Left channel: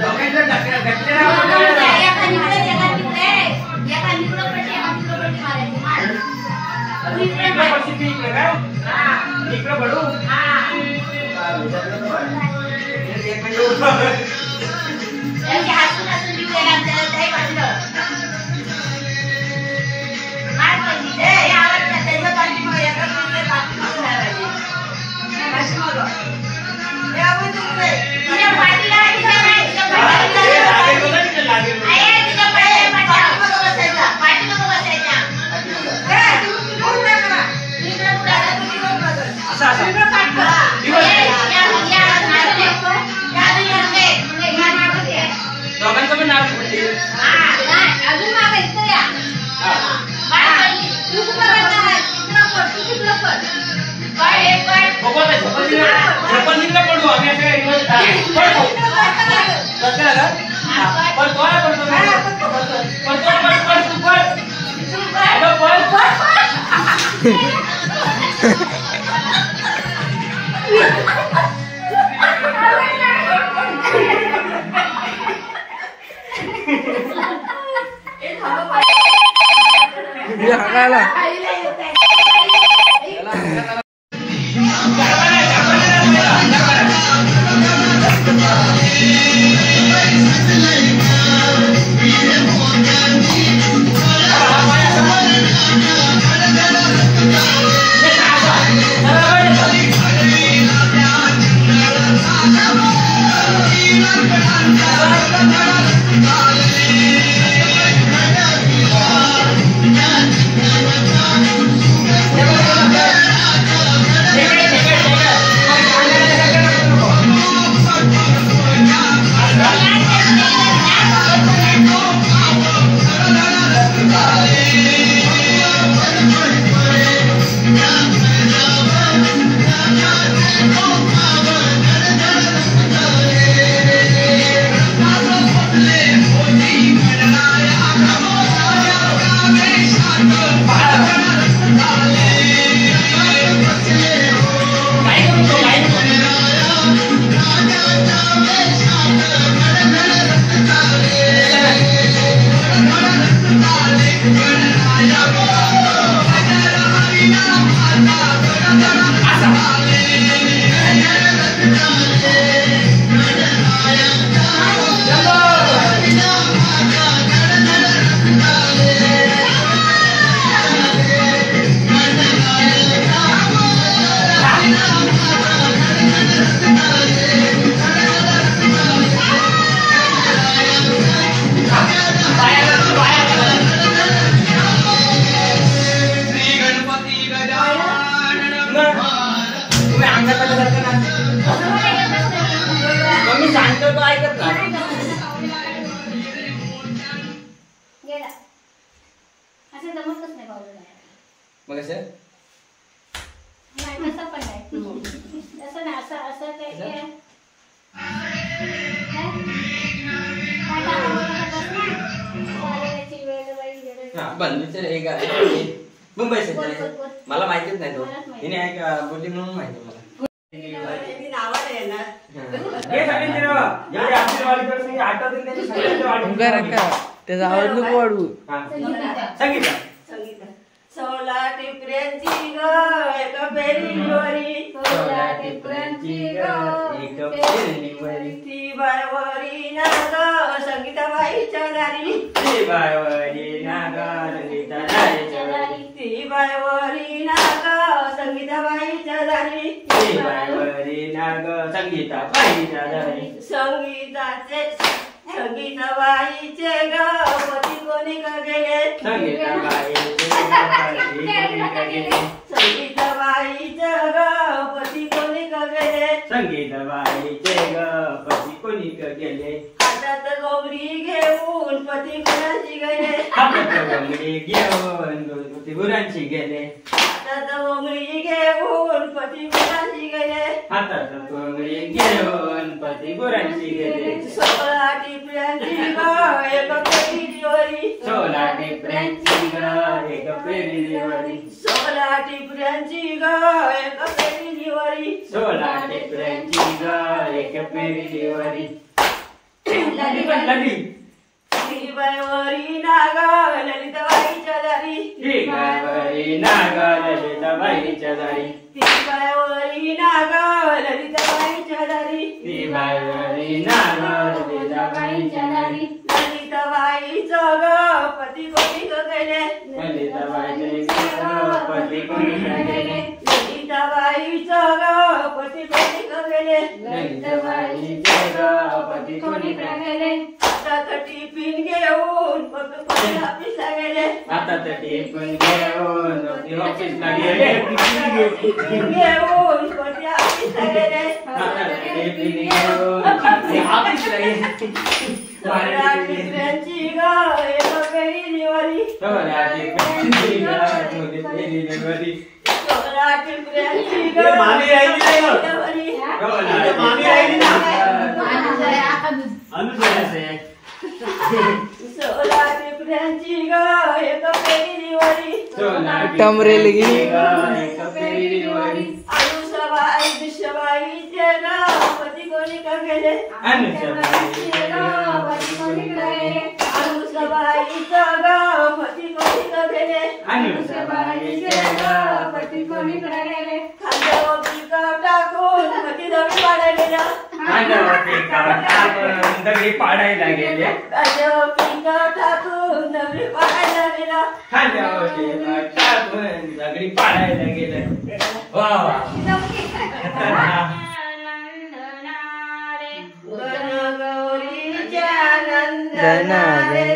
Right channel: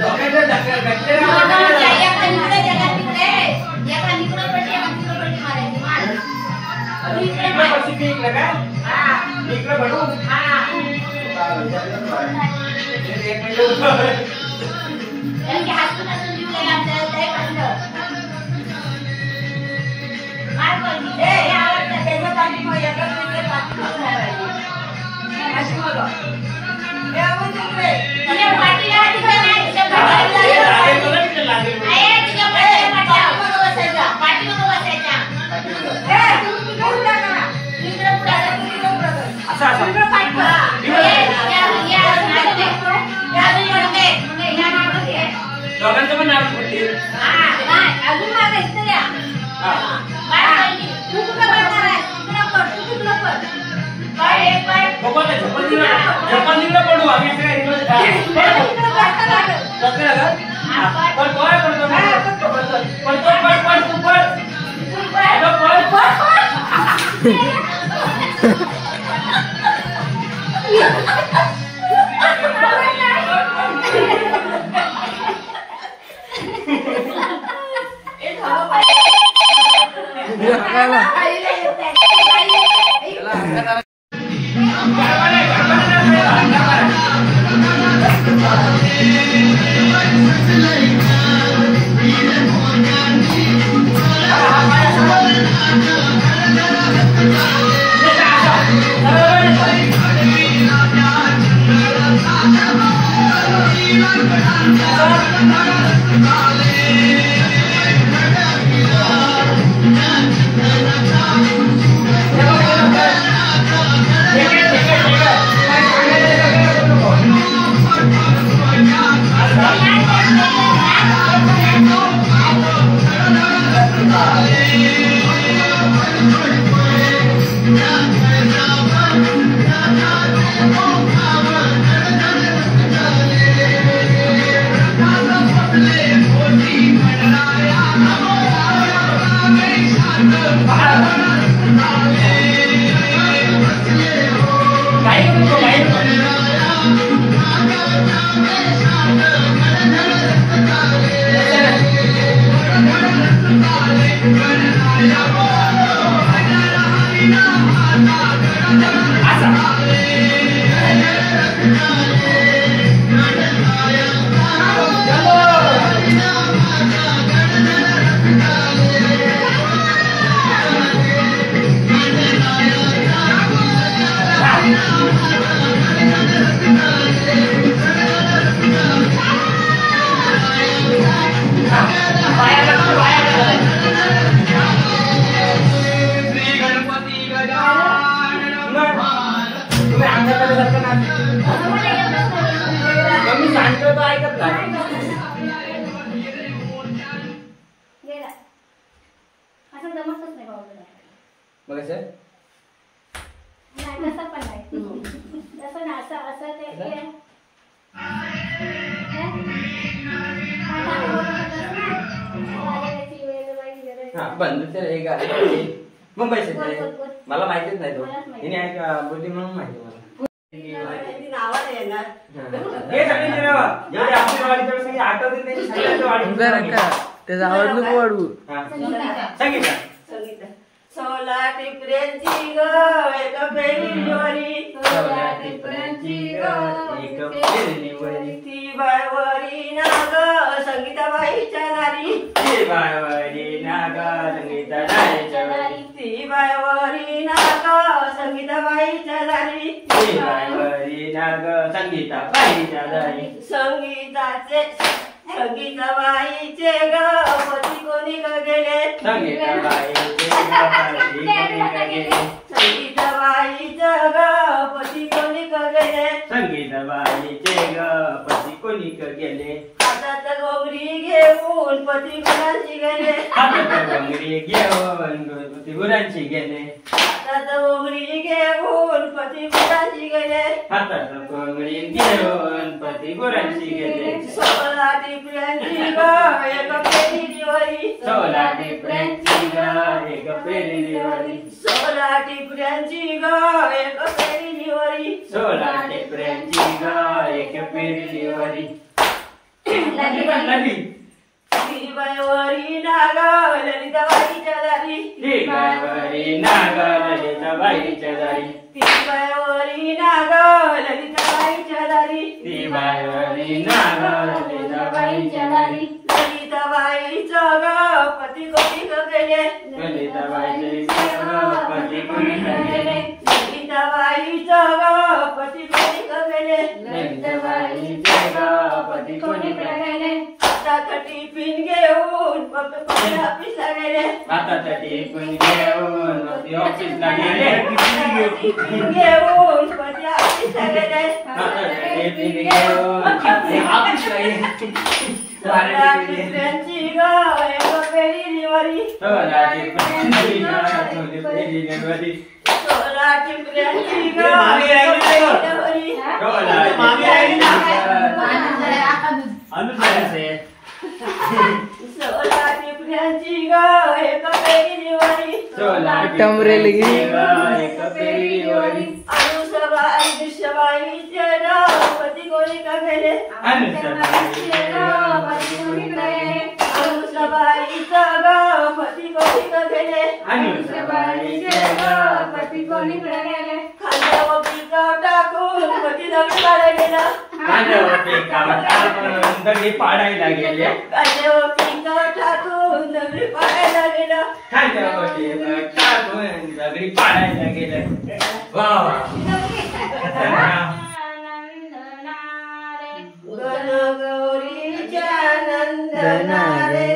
Oke, इकडे काय इकडे पडू दोघांचं पण नाव पडते अजून झपंदीला पडू आम्ही असं मुंबई मला माहितीच नाही तो हिने ऐका बोलली म्हणून माहिती मला त्याचा आवाज नको वाढवू संगीता सोला टिपऱ्यांची ग एक पेरीवरी सोला टिपऱ्यांची ग एक पेरीवरी ती बायवरी ना ग संगीताबाईच्या दारी ती बायवरी ना ग संगीताबाईच्या दारी ती बायवरी ना ग संगीताबाईच्या दारी ती बायवरी ना ग संगीताबाईच्या दारी संगीताबाईचे ग पती कोणी ग गेले संगीताबाईचे संगीताबाईचे ग पती कोणी ग गेले संगीताबाईचे ग पती कोणी ग गेले हातात घोंगडी घेऊन पती गुरांची गेले हातात घोंगडी घेऊन पती गुरांची गेले हातात घोंगडी घेऊन पती गुरांची गेले हातात घोंगडी घेऊन पती गुरांची गेले सोला टिपऱ्यांची ग एक पेरीवरी सोला टिपऱ्यांची ग एक पेरीवरी सोला टिपऱ्यांची ग एक पेरीवरी सोला टिपऱ्यांची ग एक पेरीवरी लागली ती बायवरी ना ग ललिताबाईच्या दारी ती बायवरी ना ग ललिता ललिताबाईच्या दारी ती बायवरी नाग ललिताबाईच्या दारी ती बायवरी नाग ललिताबाईच्या दारी ललिताबाईचं ग पती कोणी गेले ललिताबाईचे पती कोणी गेले ललिताबाईचं ग पती कोणी गेले ललिताबाईचे पती कोणी गेले आता टिफिन घेऊन पप्पा ऑफिसला गेले आता टिफिन घेऊन ऑफिसला गेले टिफिन घेऊन पती ऑफिसला गेले आता टिफिन घेऊन ऑफिसला गेले टिफिनची ग एक फेरी दिवाळी सोळा टिफिनची दिवाळी सोळा टिफिनची ग मामी राहिली नाही ग. दिवाळी मामी राहिली ना सोळा टिफिनची ग एक फेरी दिवाळी टमरेल गी एक फेरी दिवाळी अनुसबाई दुष्यबाईचे नाव पती कोणी का गेले अनुसबाईचं ग पती कोणी का गेले खांद्यावर पिकं टाकून पती दगडी पाडायला दगडी पाडायला गेले खांद्यावर पिकं टाकून दगडी पाडायला गेला टाकून दगडी पाडायला गेलं वा वा गणगौरीच्या नंदनारे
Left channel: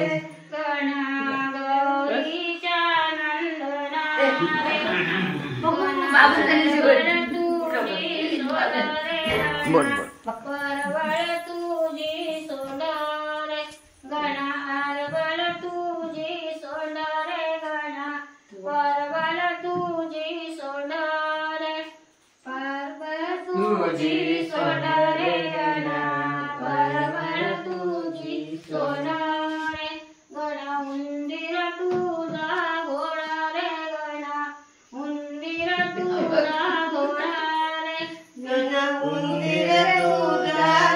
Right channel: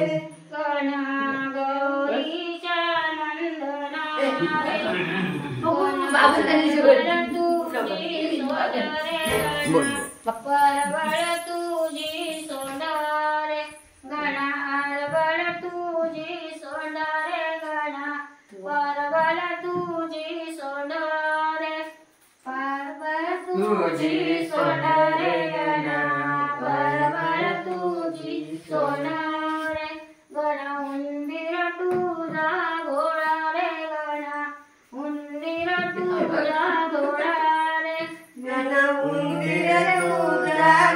परवळ तुझी सोंडारे गणा आरवळ तुझी सोंडारे गणा परवळ तुझी सोंडारे परवळ तुझी सोंडारे गणा परवळ तुझी सोंडारे गणा उंदीर तुझा घोडा रे गणा उंदीर तुझा घोडा रे गणा उंदीर तुझा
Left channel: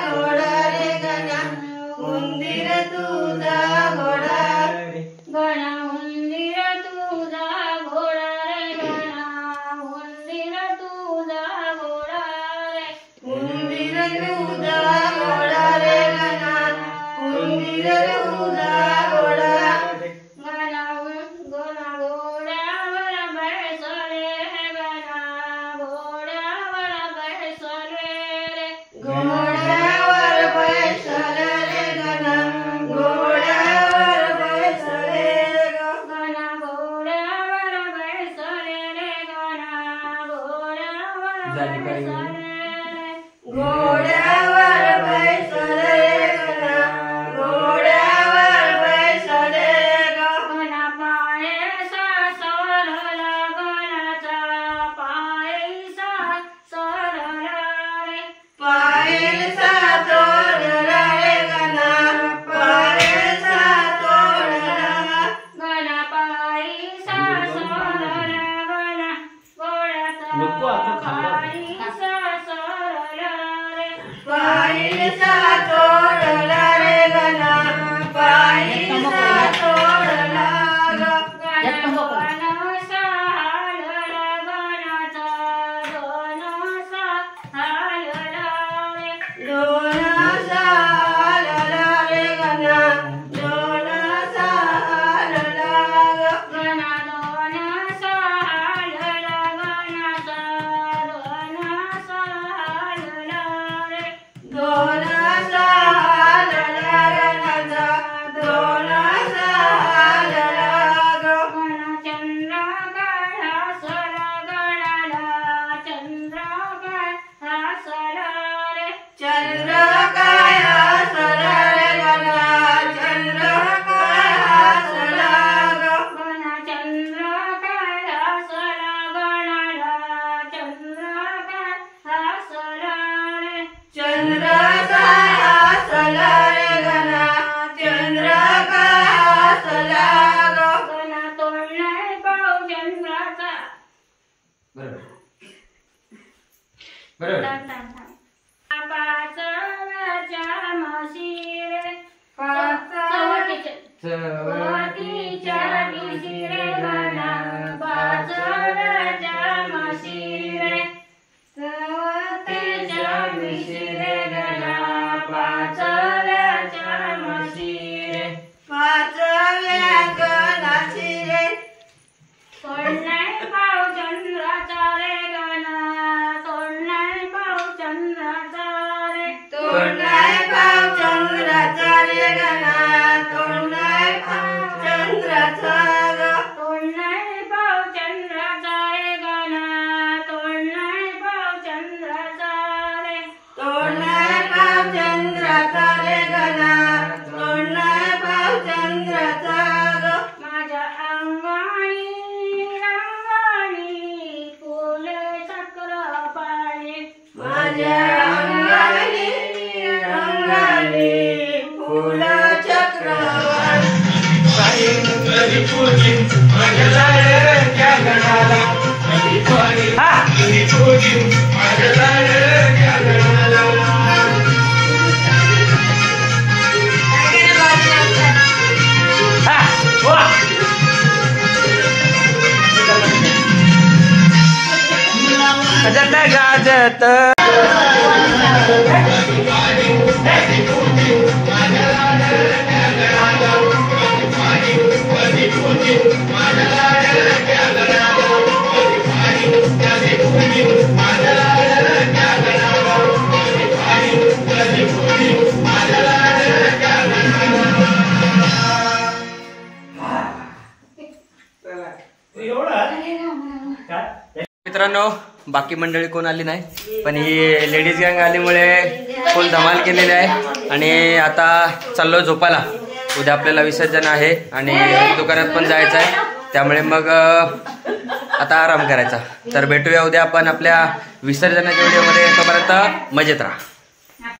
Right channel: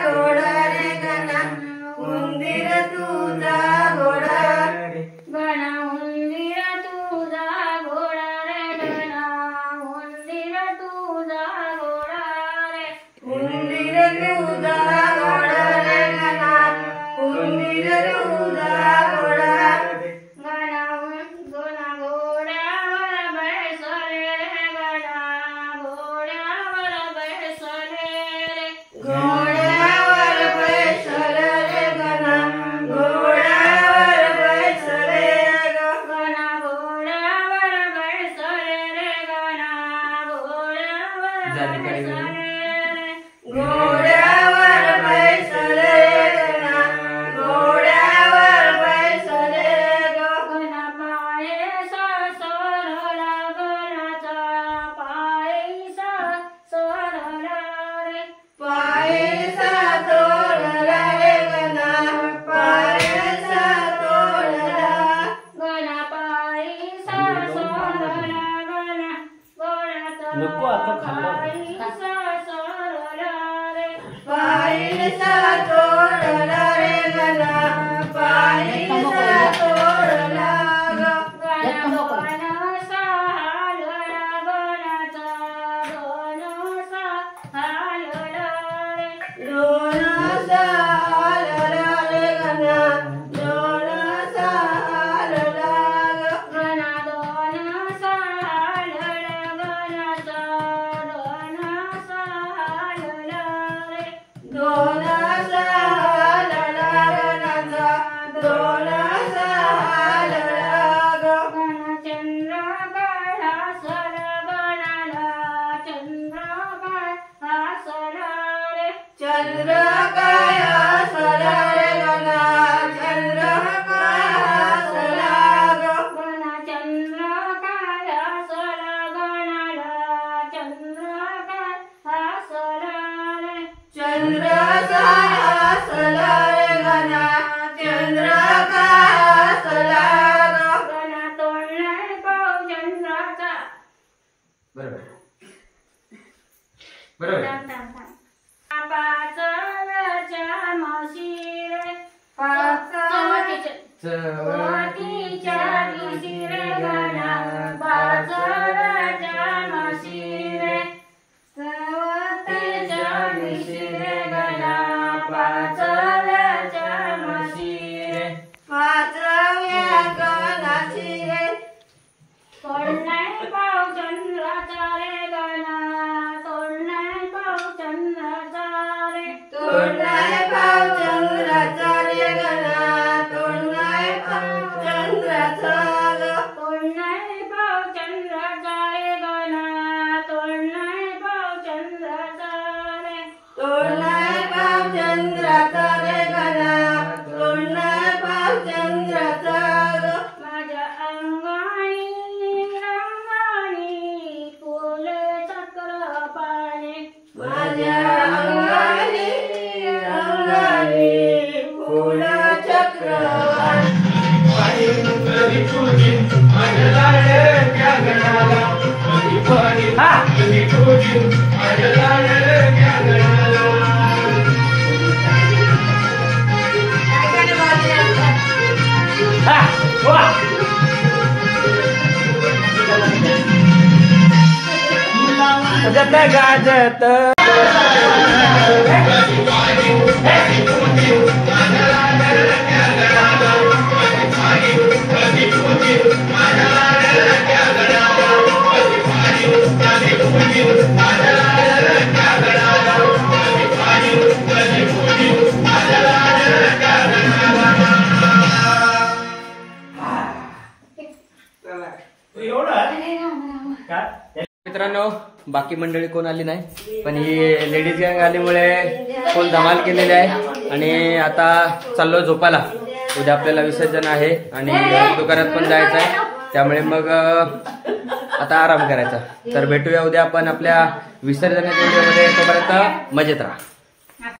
घोडा रे गणा उंदीर तुझा घोडा गणा उंदीर तुझा घोडा रे गणा उंदीर तुझा घोडा रे उंदीर तुझा घोडा रे गणा उंदीर तुझा घोडा गणा गणा घोड्यावर बैसले गणा घोड्यावर बैसले रे घोड्यावर बैसले रे गणा घोड्यावर बैसले ग गणा घोड्यावर बैसले रे गणा घोड्यावर बैसले रे घोड्यावर बैसले गणा घोड्यावर बैसले ग गणा पायसा सरला गणाचा पायसा सरला रे पायसा तोडला रे गणा पायसा तोडला गणा पायसा सरला गणा गोळ्याचा नको आता खाल्लं. पायसा सरला रे पायसा तोडला रे गणा पायसा तोडला ग गणसा हालला गणाचा गणसा हालला रे दोनाचा आलला रे गणा दोनाचा आलला ग गणा दोनसा हालला गणाचा दोनसा हालला रे दोनाचा आलला गणाचा दोनाचा आलला ग गणा चंद्र काळा सर गणाला चंद्र काळा सर रे चंद्र काय हसला रे गणा चंद्र काय हसला ग गणा चंद्र काळा सर गणाला चंद्र काळा सर रे चंद्र काय हसला रे गणा चंद्र काय हसला ग गणा तोडलाय पाव चंद्राचा बरोबर बरोबर पाचळच्या म्हशी रे पाचळच्या चवतीच्या दिवशी रे गणा पाचळच्या गाजत मित्रांनो, बाकी मंडळी कोण आली नाही, पण ही लेडीज गँग आल्यामुळे फुल धमाल केलेली आहे. आणि आता चाललो झोपायला. उद्या आपल्याला विसर्जन आहे आणि दुकानात पण जायचं आहे, त्यामुळे मग आता आराम करायचा. तर भेटूया उद्या आपण आपल्या विसर्जनाच्या व्हिडिओमध्ये. तोपर्यंत मजेत राहा.